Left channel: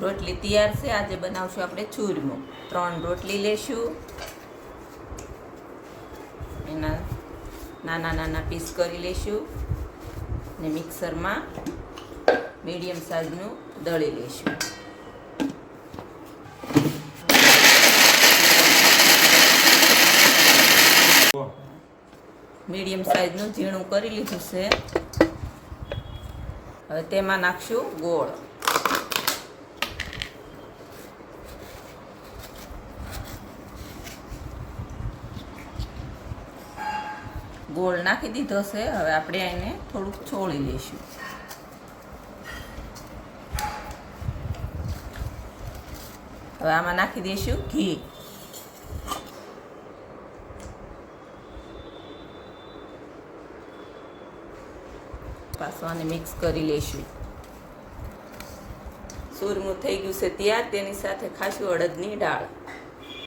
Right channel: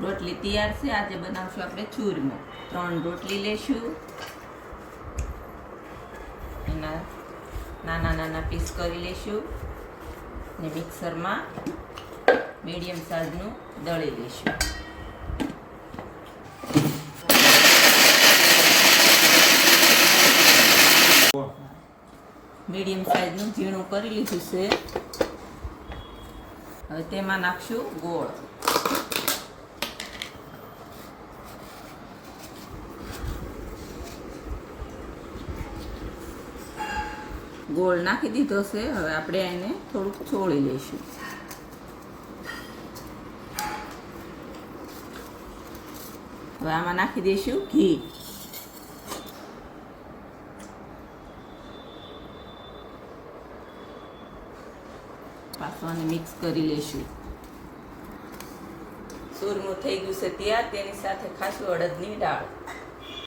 રોટલી તૈયાર છે. આજે બનાવશું આપણે ચૂરમો. 3 રોટલી લેશું, એના નાના નાના પીસ કરી લેશું ને મિક્સરમાં મીડિયમ સાઈઝનું દળી લેશું. મીડિયમ સાઈઝનું ઝીણું કરી લીધું છે. હવે તેમાં નાખશું ગોળ. ગોળ નાખી દીધો છે. હવે આપણે એને થોડુંક છોડી લઈશું. હવે આમાં નાખી દઈશું ઘી. પાછું આને મિક્સ કરી લઈશું. ચૂરમું થઈ ગયું છે તૈયાર. તેની સાથે ખાશું અડદની દાળ.